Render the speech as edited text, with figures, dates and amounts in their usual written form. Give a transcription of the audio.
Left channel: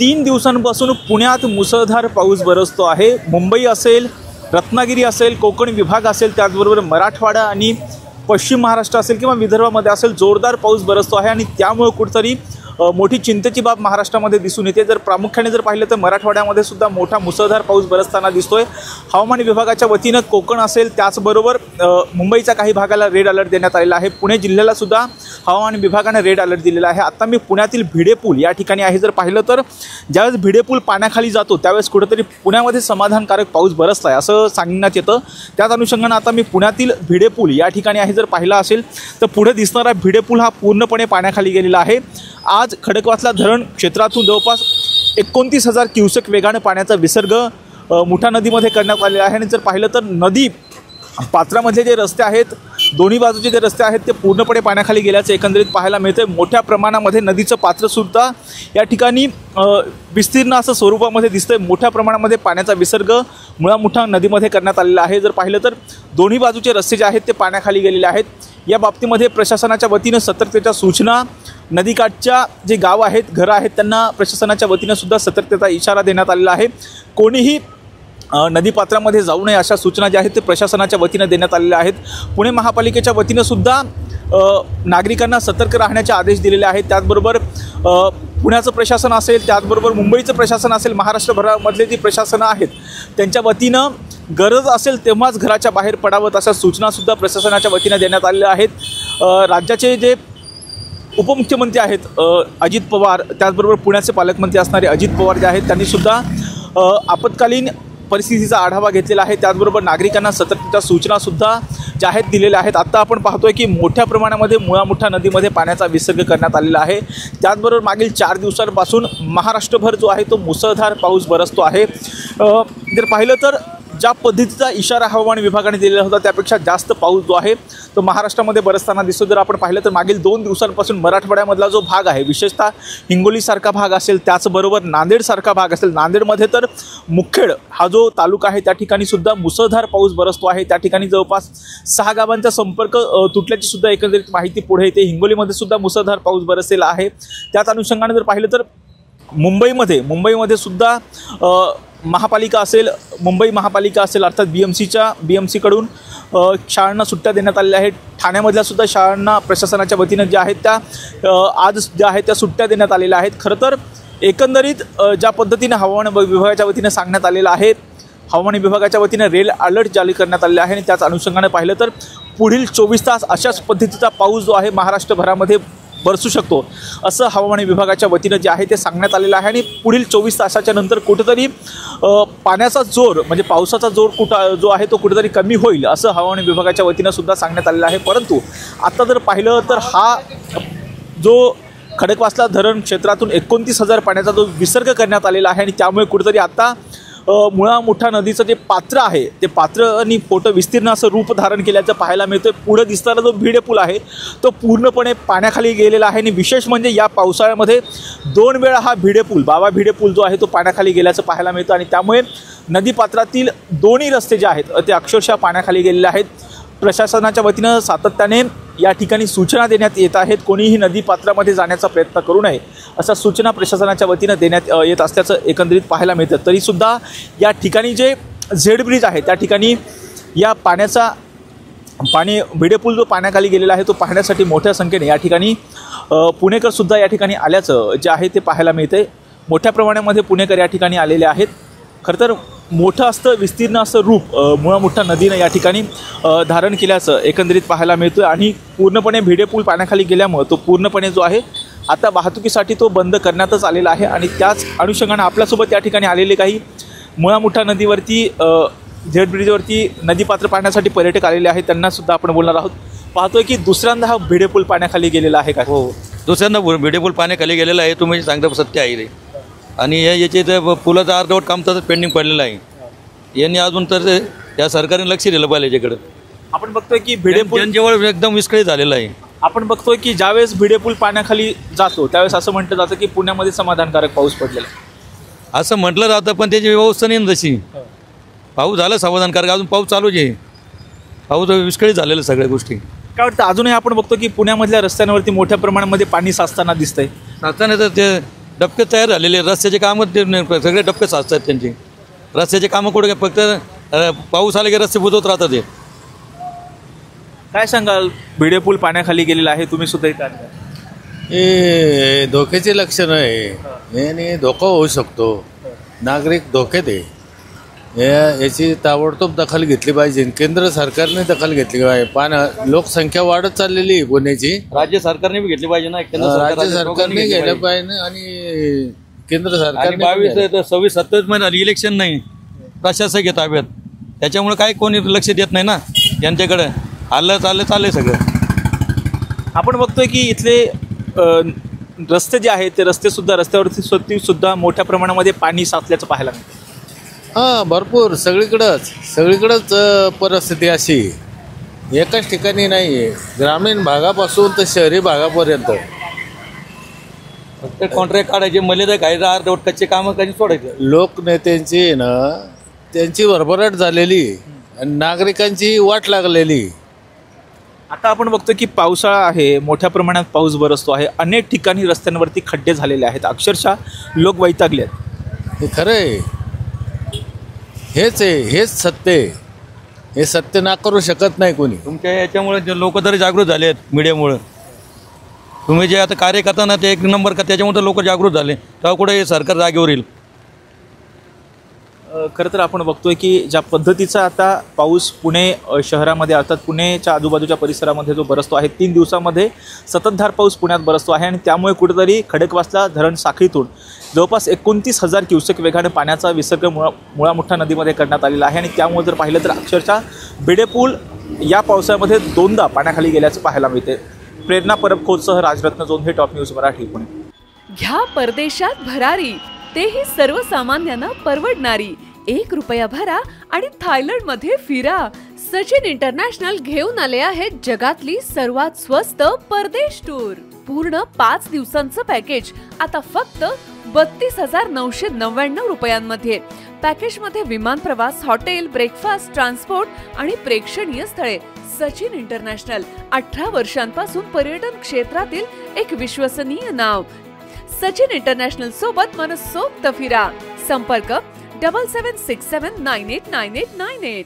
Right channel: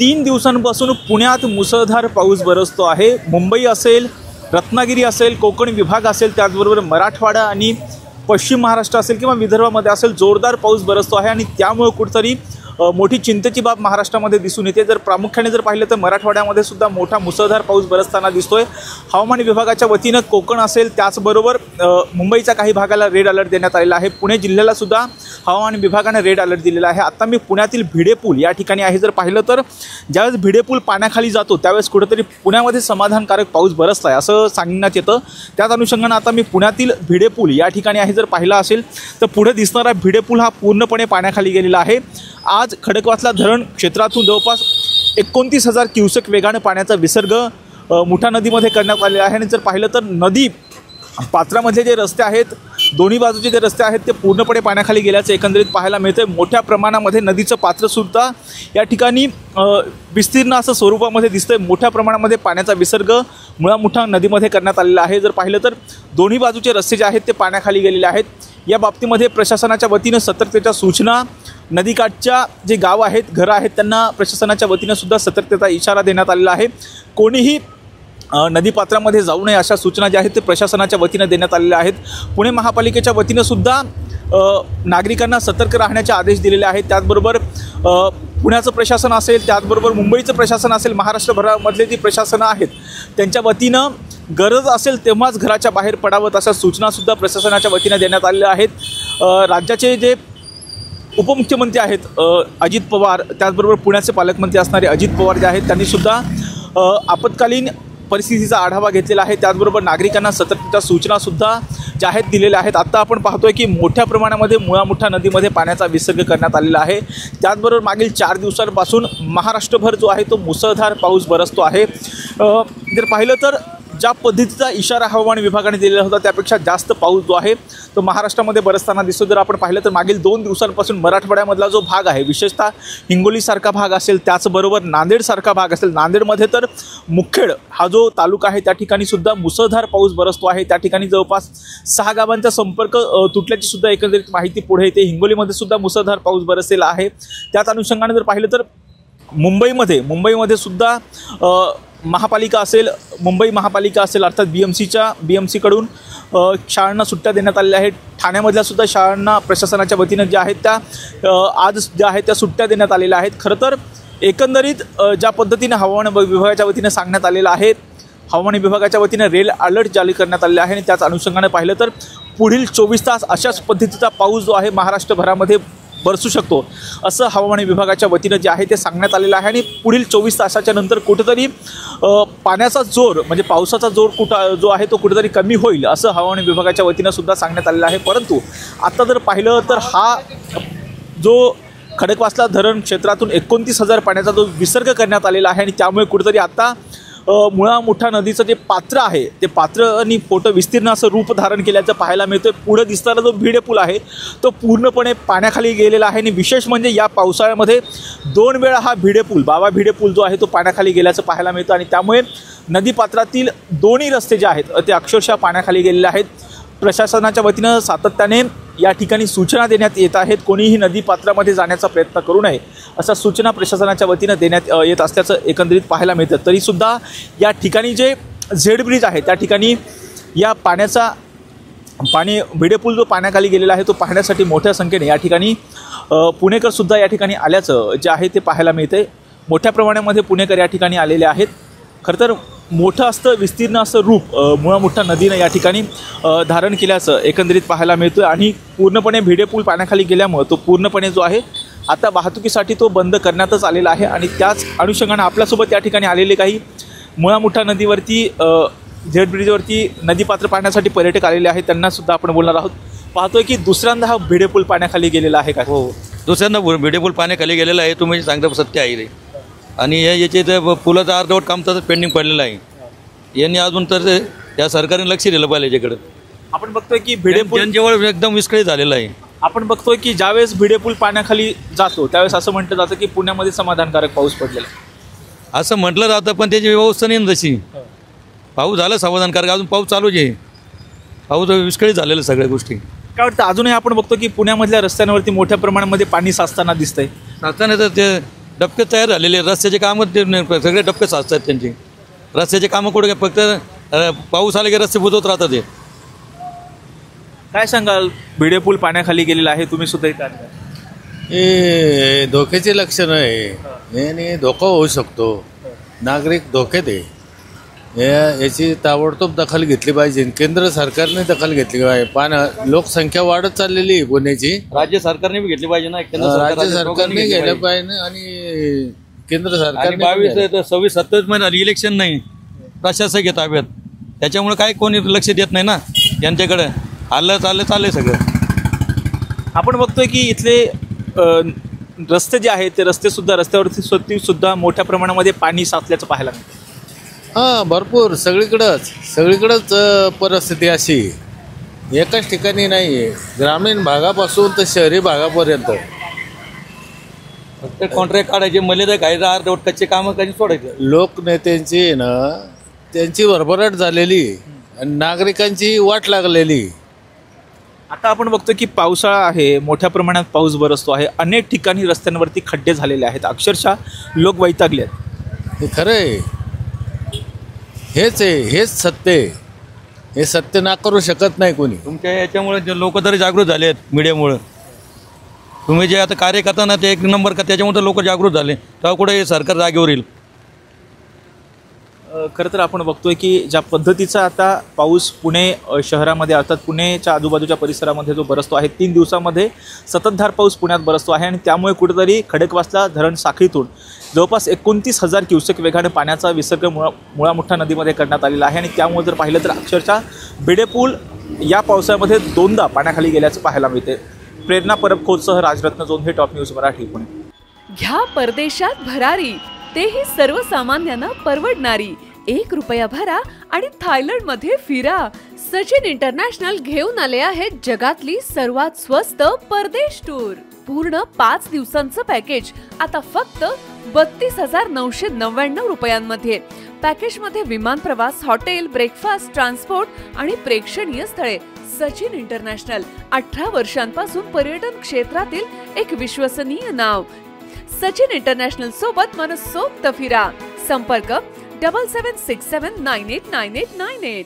3 दिवसांपासून पुण्यात मुसळधार पाऊस बरसतो आहे। मुंबई असेल, रत्नागिरी असेल, कोकण विभाग असेल, त्याचबरोबर मराठवाडा आणि पश्चिम महाराष्ट्र असेल किंवा विदर्भामध्ये असेल जोरदार पाऊस बरसतो आहे आणि त्यामुळे कुठेतरी मोठी चिंतेची बाब महाराष्ट्रामध्ये दिसून येते। जर प्रामुख्याने जर पाहिलं तर मराठवाड्यामध्ये सुद्धा मोठा मुसळधार पाऊस बरसताना दिसतोय। हवामान विभागाच्या वतीनं कोकण असेल, त्याचबरोबर मुंबईच्या काही भागाला रेड अलर्ट देण्यात आलेला आहे। पुणे जिल्ह्याला सुद्धा हवामान विभागाने रेड अलर्ट दिलेला आहे। आता मी पुण्यातील भिडे पूल या ठिकाणी आहे। जर पाहिलं तर ज्यावेळेस भिडे पूल पाण्याखाली जातो त्यावेळेस कुठेतरी पुण्यामध्ये समाधानकारक पाऊस बरसत आहे असं सांगण्यात येतं। त्याच अनुषंगाने आता मी पुण्यातील भिडे पूल या ठिकाणी आहे। जर पाहिला असेल तर पुढे दिसणारा भिडे पूल हा पूर्णपणे पाण्याखाली गेलेला आहे। आज खडकवासला धरण क्षेत्रातून जवळपास 29,000 क्युसेक वेगाने पाण्याचा विसर्ग मुठा नदीमध्ये करण्यात आलेला आहे। आणि जर पाहिलं तर नदी पात्रामधले जे रस्ते आहेत, दोन्ही बाजूचे जे रस्ते आहेत ते पूर्णपणे पाण्याखाली गेल्याचं एकंदरीत पाहायला मिळतंय। मोठ्या प्रमाणामध्ये नदीचं पात्रसुद्धा या ठिकाणी विस्तीर्ण असं स्वरूपामध्ये दिसतंय। मोठ्या प्रमाणामध्ये पाण्याचा विसर्ग मुळा-मुठा नदीमध्ये करण्यात आलेला आहे। जर पाहिलं तर दोन्ही बाजूचे रस्ते जे आहेत ते पाण्याखाली गेलेले आहेत। या बाबतीमध्ये प्रशासनाच्या वतीनं सतर्कतेच्या सूचना, नदीकाठच्या जे गाव आहेत, घरं आहेत, त्यांना प्रशासनाच्या वतीनं सुद्धा सतर्कतेचा इशारा देण्यात आलेला आहे। कोणीही नदीपात्रामध्ये जाऊ नये अशा सूचना ज्या आहेत ते प्रशासनाच्या वतीनं देण्यात आलेल्या आहेत। पुणे महापालिकेच्या वतीनं सुद्धा नागरिकांना सतर्क राहण्याचे आदेश दिलेले आहेत। त्याचबरोबर पुण्याचं प्रशासन असेल, त्याचबरोबर मुंबईचं प्रशासन असेल, महाराष्ट्रभरामधले जी प्रशासनं आहेत त्यांच्या वतीनं गरज असेल तेव्हाच घराच्या बाहेर पडावं अशा सूचनासुद्धा प्रशासनाच्या वतीनं देण्यात आलेल्या आहेत। राज्याचे जे उपमुख्यमंत्री आहेत अजित पवार, त्याचबरोबर पुण्याचे पालकमंत्री असणारे अजित पवार जे आहेत त्यांनी सुद्धा आपत्कालीन परिस्थितीचा आढावा घेतलेला आहे। त्याचबरोबर नागरिकांना सतर्कतेच्या सूचनासुद्धा ज्या आहेत दिलेल्या आहेत। आता आपण पाहतोय की मोठ्या प्रमाणामध्ये मुळा-मुठा नदीमध्ये पाण्याचा विसर्ग करण्यात आलेला आहे। त्याचबरोबर मागील 4 दिवसांपासून महाराष्ट्रभर जो आहे तो मुसळधार पाऊस बरसतो आहे। जर पाहिलं तर ज्या पद्धतीचा इशारा हवामान विभागाने दिलेला होता त्यापेक्षा जास्त पाऊस जो आहे तो महाराष्ट्रामध्ये बरसताना दिसतो। जर आपण पाहिलं तर मागील 2 दिवसांपासून मराठवाड्यामधला जो भाग आहे, विशेषतः हिंगोलीसारखा भाग असेल, त्याचबरोबर नांदेडसारखा भाग असेल, नांदेडमध्ये तर मुखेड हा जो तालुका आहे त्या ठिकाणी सुद्धा मुसळधार पाऊस बरसतो आहे। त्या ठिकाणी जवळपास 6 गावांचा संपर्क तुटल्याची सुद्धा एकंदरीत माहिती पुढे येते। हिंगोलीमध्ये सुद्धा मुसळधार पाऊस बरसलेला आहे। त्याच अनुषंगाने जर पाहिलं तर मुंबईमध्ये सुद्धा महापालिका असेल, मुंबई महापालिका असेल अर्थात BMCकडून शाळांना सुट्ट्या देण्यात आलेल्या आहेत। ठाण्यामधल्या सुद्धा शाळांना प्रशासनाच्या वतीनं ज्या आहेत त्या आज ज्या आहेत त्या सुट्ट्या देण्यात आलेल्या आहेत। खरं तर एकंदरीत ज्या पद्धतीनं हवामान विभागाच्या वतीनं सांगण्यात आलेलं आहे, हवामान विभागाच्या वतीनं रेड अलर्ट जारी करण्यात आलेला आहे आणि त्याच अनुषंगाने पाहिलं तर पुढील 24 तास अशाच पद्धतीचा पाऊस जो आहे महाराष्ट्रभरामध्ये बरसू शकतो असं हवामान विभागाच्या वतीनं जे आहे ते सांगण्यात आलेलं आहे। आणि पुढील 24 तासाच्या नंतर कुठेतरी पाण्याचा जोर म्हणजे पावसाचा जोर जो आहे तो कुठेतरी कमी होईल असं हवामान विभागाच्या वतीनं सुद्धा सांगण्यात आलेलं आहे। परंतु आता जर पाहिलं तर हा जो खडकवासला धरण क्षेत्रातून 29,000 पाण्याचा जो विसर्ग करण्यात आलेला आहे आणि त्यामुळे कुठेतरी आता मुळा-मुठा नदीचं जे पात्र आहे ते पात्र आणि मोठं विस्तीर्ण असं रूप धारण केल्याचं पाहायला मिळतं। पुढे दिसणारा जो भिडे पूल आहे तो पूर्णपणे पाण्याखाली गेलेला आहे आणि विशेष म्हणजे या पावसाळ्यामध्ये 2 वेळा हा भिडे पूल जो आहे तो पाण्याखाली गेल्याचं पाहायला मिळतं आणि त्यामुळे नदीपात्रातील दोन्ही रस्ते जे आहेत ते अक्षरशः पाण्याखाली गेलेले आहेत। प्रशासनाच्या वतीनं सातत्याने या ठिकाणी सूचना देण्यात येत आहेत, कोणीही नदीपात्रामध्ये जाण्याचा प्रयत्न करू नये अशा सूचना प्रशासनाच्या वतीनं देण्यात येत असल्याचं एकंदरीत पाहायला मिळतं। तरीसुद्धा या ठिकाणी जे झेड ब्रिज आहे त्या ठिकाणी या भिडे पूल जो पाण्याखाली गेलेला आहे तो पाहण्यासाठी मोठ्या संख्येने या ठिकाणी पुणेकर सुद्धा या ठिकाणी आल्याचं जे आहे ते पाहायला मिळतंय। मोठ्या प्रमाणामध्ये पुणेकर या ठिकाणी आलेले आहेत। खरं तर मोठं असतं विस्तीर्ण असं रूप मुळा-मुठा नदीनं या ठिकाणी धारण केल्याचं एकंदरीत पाहायला मिळतं आणि पूर्णपणे भिडे पूल पाण्याखाली गेल्यामुळे तो पूर्णपणे जो आहे आता वाहतुकीसाठी तो बंद करण्यातच आलेला आहे। आणि त्याच अनुषंगाने आपल्यासोबत या ठिकाणी आलेले काही मुळा-मुठा नदीवरती झेड ब्रिजवरती नदीपात्र पाहण्यासाठी पर्यटक आलेले आहेत, त्यांना सुद्धा आपण बोलणार आहोत। पाहतोय की दुसऱ्यांदा हा भिडे पूल पाण्याखाली गेलेला आहे का? हो, दुसऱ्यांदा भिडे पूल पाण्याखाली गेलेला आहे, तुम्ही सांगता सत्य आहे रे। आणि याचे पुलाचं अर्धवट काम तर पेंडिंग पडलेलं आहे। यांनी अजून तर या सरकारने लक्ष दिलं पाहिजे याच्याकडे। आपण बघतोय की भिडे पूल जनजीवन एकदम विस्कळीत झालेलं आहे। आपण बघतोय की ज्यावेळेस भिडे पूल पाण्याखाली जातो त्यावेळेस असं म्हटलं जातं की पुण्यामध्ये समाधानकारक पाऊस पडलेला असं म्हटलं जातं, पण त्याची व्यवस्था नाही जशी। पाऊस झाला समाधानकारक, अजून पाऊस चालूच आहे, पाऊस विस्कळीत झालेलं सगळ्या गोष्टी। काय वाटतं अजूनही आपण बघतो की पुण्यामधल्या रस्त्यांवरती मोठ्या प्रमाणामध्ये पाणी साचताना दिसतंय? साचताना तर ते डबके तयार झालेले आहेत. रस्त्याचे कामं सगळे डबके साचतात त्यांचे. रस्त्याचे कामं कुठे फक्त पाऊस आले की रस्ते बुजवत राहतात ते. काय सांगाल, भिडे पूल पाण्याखाली गेलेला आहे, तुम्ही सुद्धा इथे आहात. हे धोक्याचे लक्षण आहे आणि धोका होऊ शकतो. नागरिक धोक्यात आहे. याची ताबडतोब दखल घेतली पाहिजे. केंद्र सरकारने दखल घेतली पाहिजे. लोकसंख्या वाढत चाललेली आहे पुण्याची. राज्य सरकारने बी घेतली पाहिजे ना. राज्य सरकारने घेतलं पाहिजे आणि केंद्र सरकारने 22, 26, 27 महिना इलेक्शन नाही, प्रशासक आहे ताब्यात. त्याच्यामुळे काय कोणी लक्ष देत नाही ना यांच्याकडे. चाललंय सगळं. आपण बघतोय की इथले रस्ते जे आहेत ते रस्त्यावरती सुद्धा मोठ्या प्रमाणामध्ये पाणी साचल्याचं पाहायला मिळतं. भरपूर सगळीकडंच परिस्थिती अशी एकाच ठिकाणी नाहीये. ग्रामीण भागापासून तर शहरी भागापर्यंत फक्त कॉन्ट्रॅक्ट काढायचे, मर्यादा कायदा अर्धवट कच्चे कामं कधी सोडायचे. लोकनेत्यांची ना त्यांची भरभराट झालेली आणि नागरिकांची वाट लागलेली. आता आपण बघतो की पावसाळा आहे, मोठ्या प्रमाणात पाऊस बरसतो आहे, अनेक ठिकाणी रस्त्यांवरती खड्डे झालेले आहेत, अक्षरशः लोक वैतागले आहेत. हे खरं आहे. हेच सत्य आहे. हे सत्य नाकारू शकत नाही कोणी. तुमच्या याच्यामुळे लोक तरी जागृत झाले आहेत. मीडियामुळे तुम्ही जे आता कार्य करता ना ते एक नंबर का, त्याच्यामुळे लोक जागृत झाले. तेव्हा कुठे हे सरकार जागेवर येईल. खरं तर आपण बघतोय की ज्या पद्धतीचा आता पाऊस पुणे शहरामध्ये अर्थात पुणेच्या आजूबाजूच्या परिसरामध्ये जो बरसतो आहे, 3 दिवसामध्ये सततधार पाऊस पुण्यात बरसतो आहे आणि त्यामुळे कुठेतरी खडकवासला धरण साखळीतून जवळपास 29,000 क्युसेक वेगाने पाण्याचा विसर्ग मुळा मुठा नदीमध्ये करण्यात आलेला आहे. आणि त्यामुळे जर पाहिलं तर अक्षरशः भिडे पूल या पावसाळ्यामध्ये 2दा पाण्याखाली गेल्याचं पाहायला मिळते. प्रेरणा परब खोतसह राजरत्न जोन, हे टॉप न्यूज मराठी, पुणे. घ्या परदेशात भरारी, तेही सर्वसामान्यांना परवडणारी. 1 रुपया भरा आणि थायलंडमध्ये फिरा. सचिन इंटरनॅशनल घेऊन आले आहेत जगातली सर्वात स्वस्त परदेश टूर. पूर्ण 5 दिवसांचं पॅकेज आता फक्त 32,999 रुपयांमध्ये. पॅकेजमध्ये विमान प्रवास, हॉटेल, ब्रेकफास्ट, ट्रान्सपोर्ट आणि प्रेक्षणीय स्थळे. सचिन इंटरनॅशनल 18 वर्षांपासून पर्यटन क्षेत्रातील एक विश्वसनीय नाव. सचिन इंटरनॅशनल सोबत मनसोक्त फिरा. संपर्क 7767989898.